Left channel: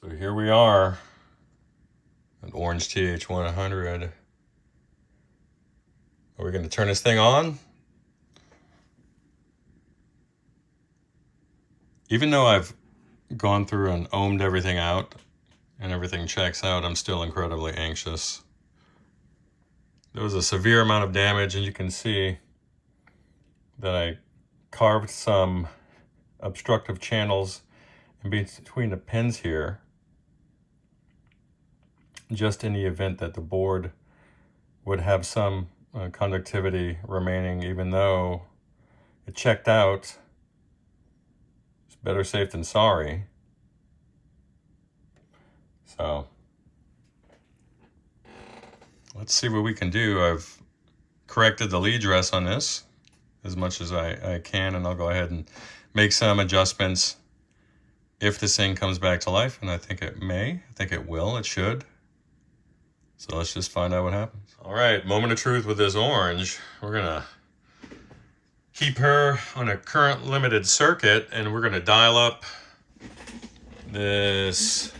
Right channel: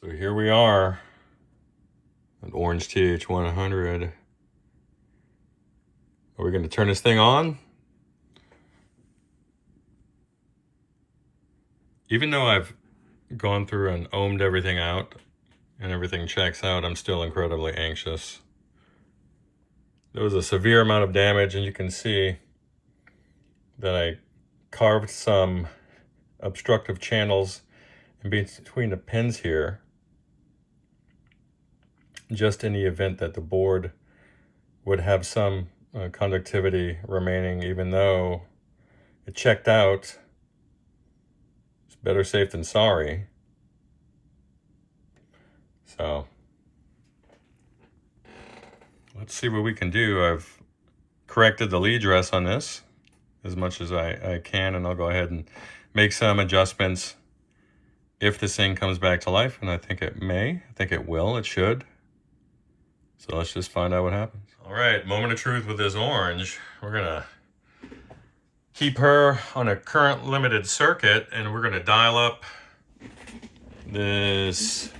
So here we are, an orange TH100. Are we going to turn this thing on? Even though I've gone through and ohmed everything out and everything checks out, I'm still incredibly anxious. There was a severe amount of damage, and you can see that I carved some obstructive channels in between the pins here, just in the event that the board would have some conductivity remaining, even though it checked out. It's better safe than sorry. So let's see what we can do. I've corrected the lead dress on this as much as I can, and I'll go ahead and make some adjustments if this thing comes back to life, and I think it may. I think it will. It should. So let's just find out what happens. All right, moment of truth with this orange. We're gonna keep her on a current limited circuit, and we're gonna dial up this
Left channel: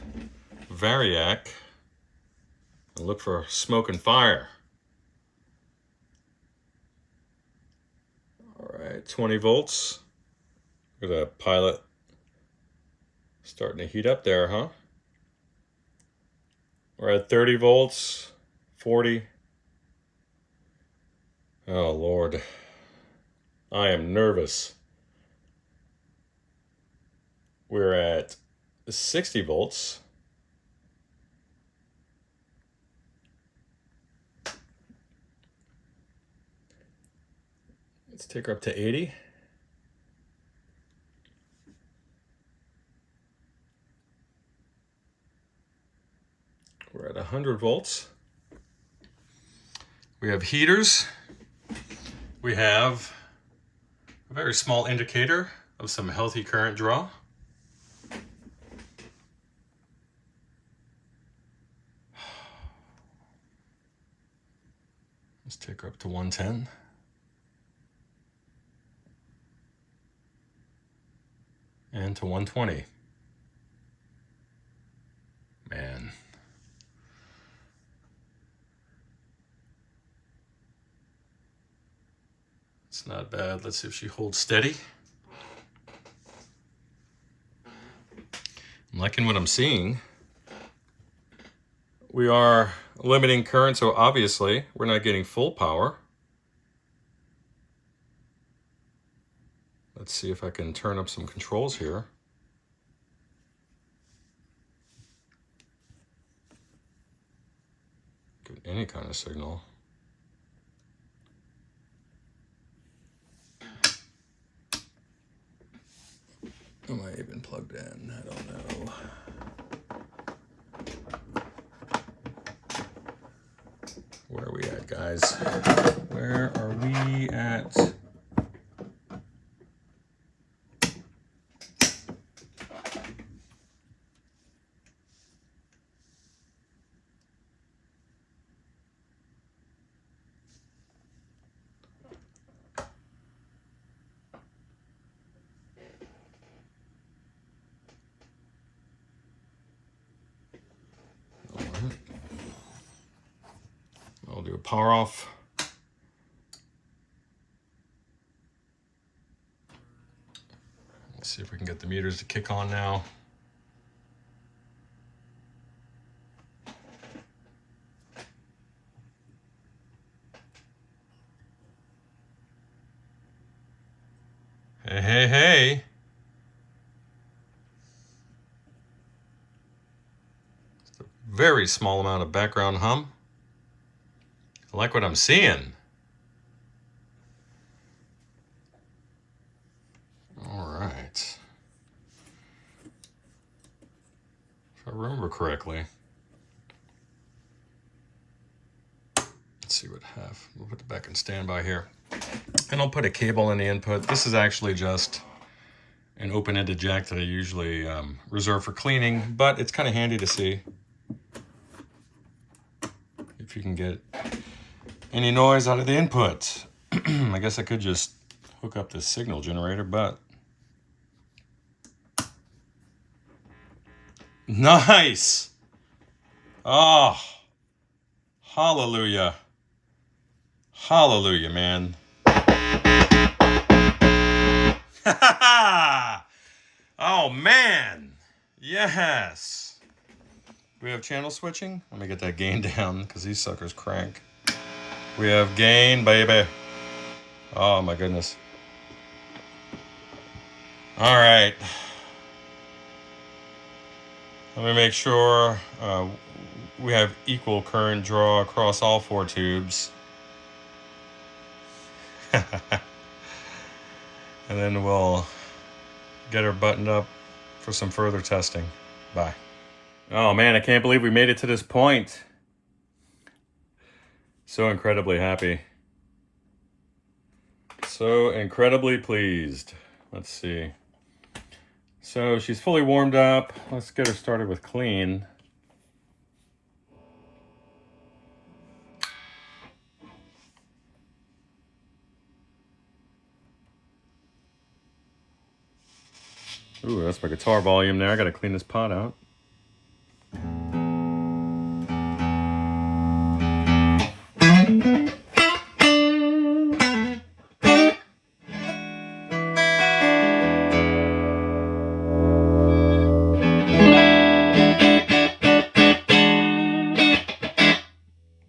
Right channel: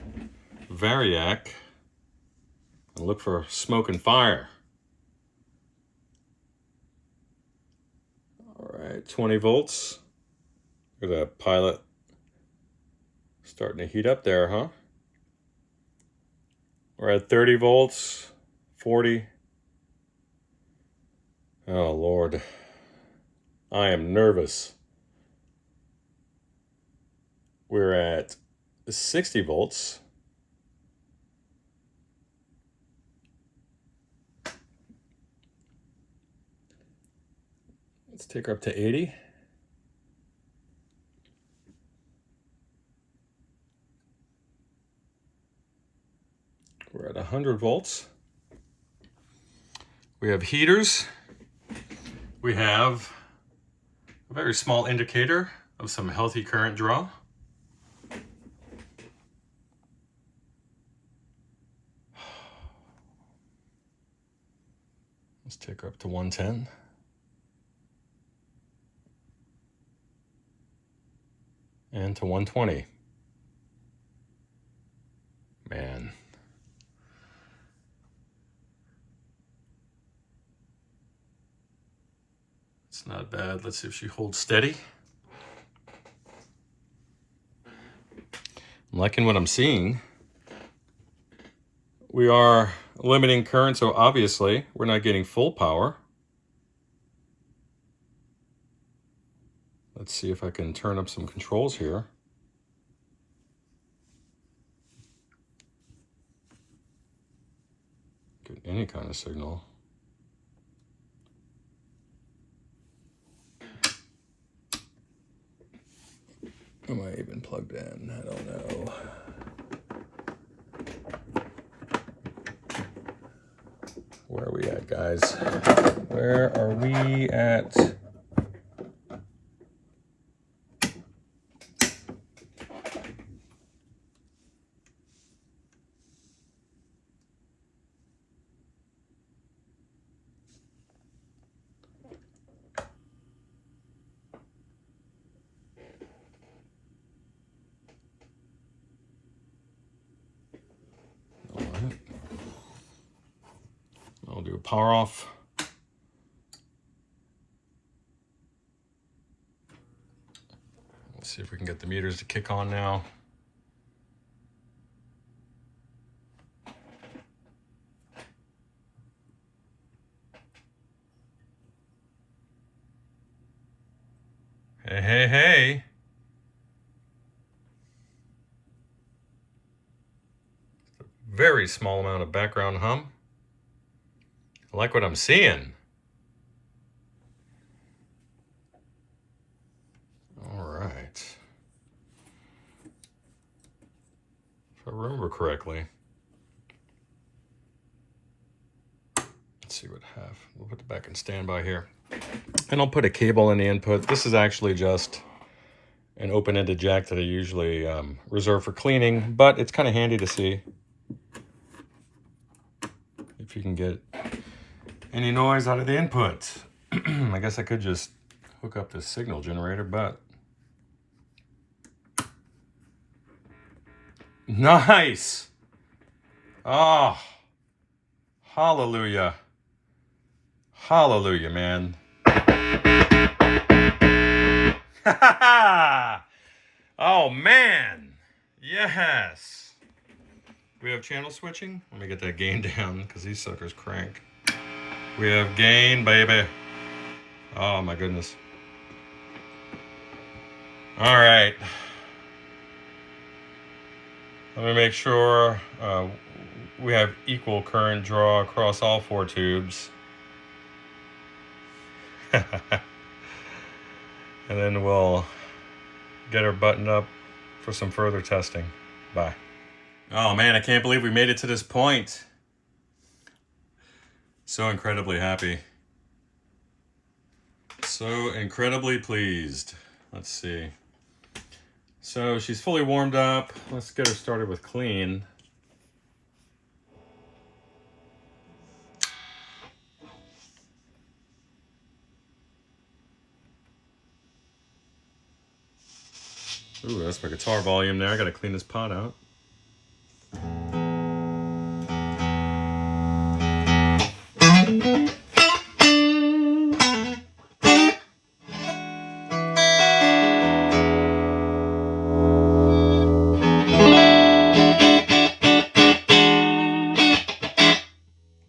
variac and look for smoke and fire. All right, 20 volts. Look at that pilot starting to heat up there, huh? We're at 30 volts, 40. Oh, Lord. I am nervous. We're at 60 volts. Let's take her up to 80. We're at 100 volts. We have heaters. We have a very small indicator of some healthy current draw. Let's take her up to 110. And to 120. Man. It's not bad. Let's see if she holds steady. I'm liking what I'm seeing. We are limiting current, so obviously we're not getting full power. Let's see if I can turn up some controls here. Get any kind of signal. Am I even plugged in? I don't know. Where are we at, guys? Where are we at? I'll do a power off. Let's see if we can get the meters to kick on now. Hey, hey, hey. Just a very small amount of background hum. I like what I'm seeing. All right. If I remember correctly. Let's see what have. We'll put it back in standby here. And I'll put a cable in the input. This is actually just an open-ended jack that I usually reserve for cleaning, but it's kind of handy to see if you can get any noise out of the input. I guess I could just hook up this signal generator, but Nice. Oh, hallelujah. Hallelujah, man. Oh, man. Yes. We have channel switching. Let me get that gain down because these suckers crank. We have gain, baby. Oh, my goodness. All right. Let me make sure we have equal current draw across all 4 tubes. And then we'll get her buttoned up for some further testing. Bye. Oh man, I can't believe we made it to this point. So incredibly happy. So incredibly pleased. Let's see. So she's fully warmed up. Let's get her started with clean. Ooh, that's my guitar volume there. I gotta clean this pot out.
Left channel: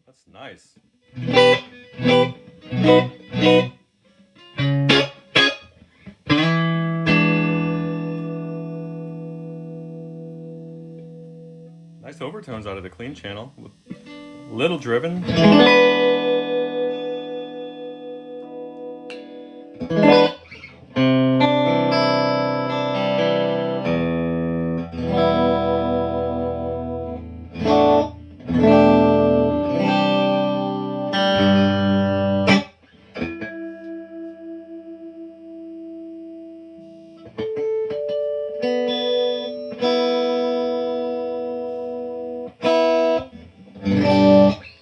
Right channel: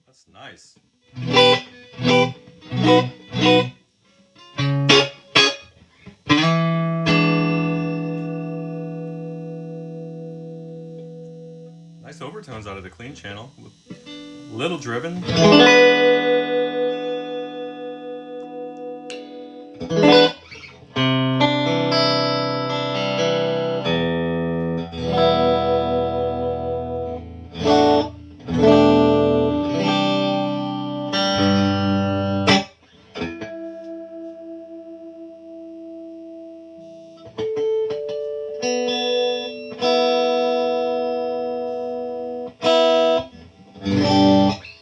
That's nice. Nice overtones out of the clean channel. Little driven.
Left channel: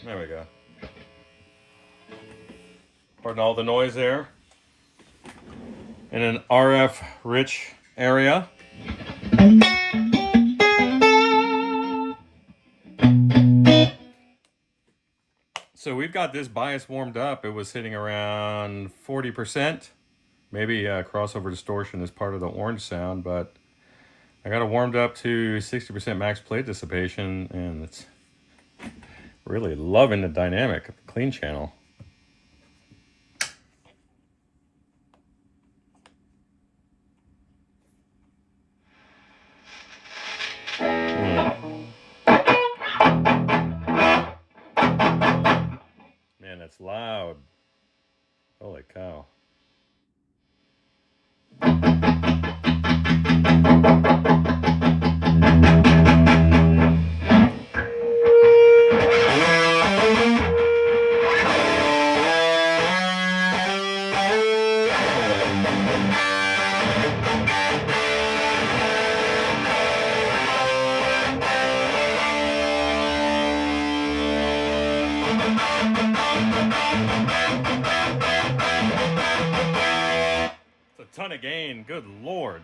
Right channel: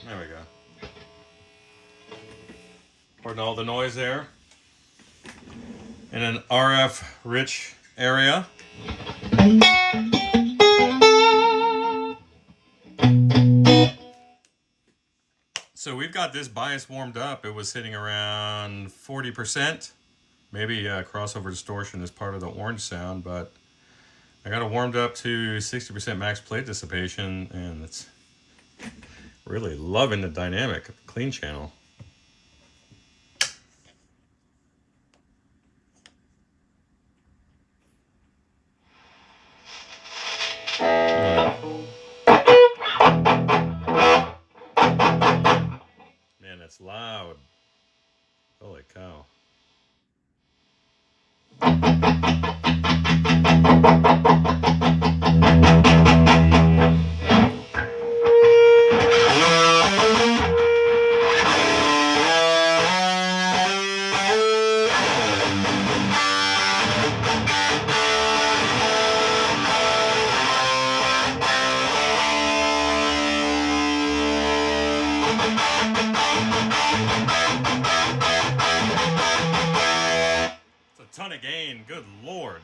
There we go. Pardon all the noise there. In an RF rich area. So we've got this bias warmed up. It was sitting around 40%. Maybe crossover distortion is part of the orange sound, but I got it warmed up to 60% max plate dissipation, and it's really loving the dynamic of the clean channel. Man, it's loud. Holy cow. Ton of gain, good lord.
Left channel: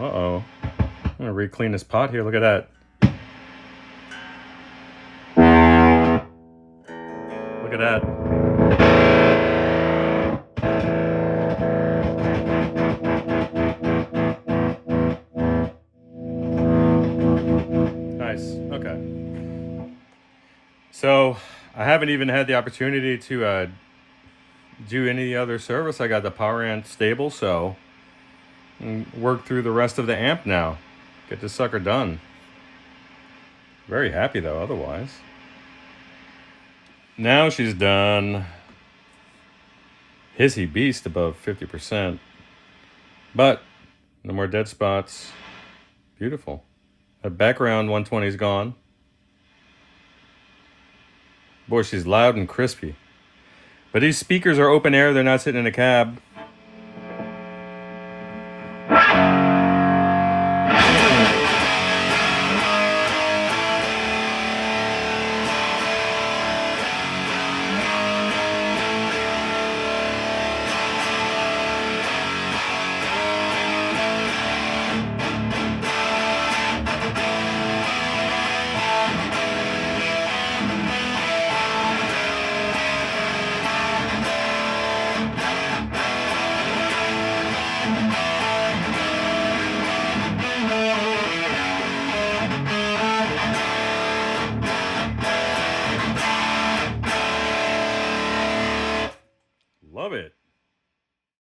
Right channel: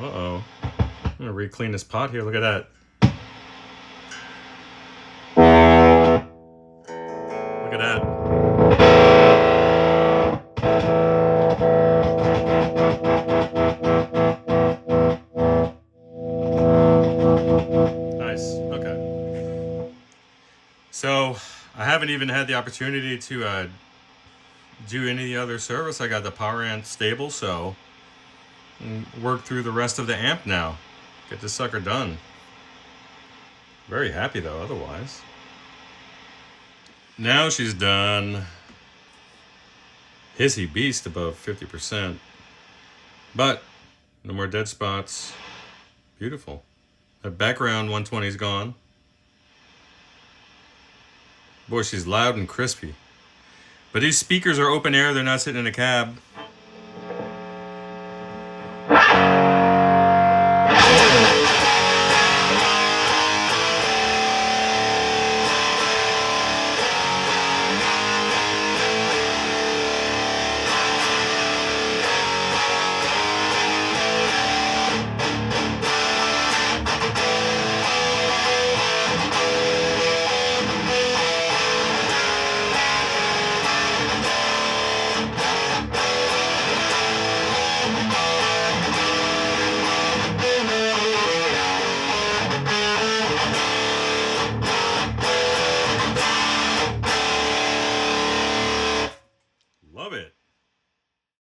Uh-oh. I'm gonna re-clean this pot here, look at that. Look at that. Nice, okay. So, I haven't even had the opportunity to do any other service. I got the power amp stable, so work through the rest of the amp now. Get this sucker done. Very happy though, otherwise. Now she's done. Hissy beast above 50%. But no more dead spots. Beautiful. The background 120 is gone. Boy, she's loud and crispy. But these speakers are open air, they're not sitting in a cab.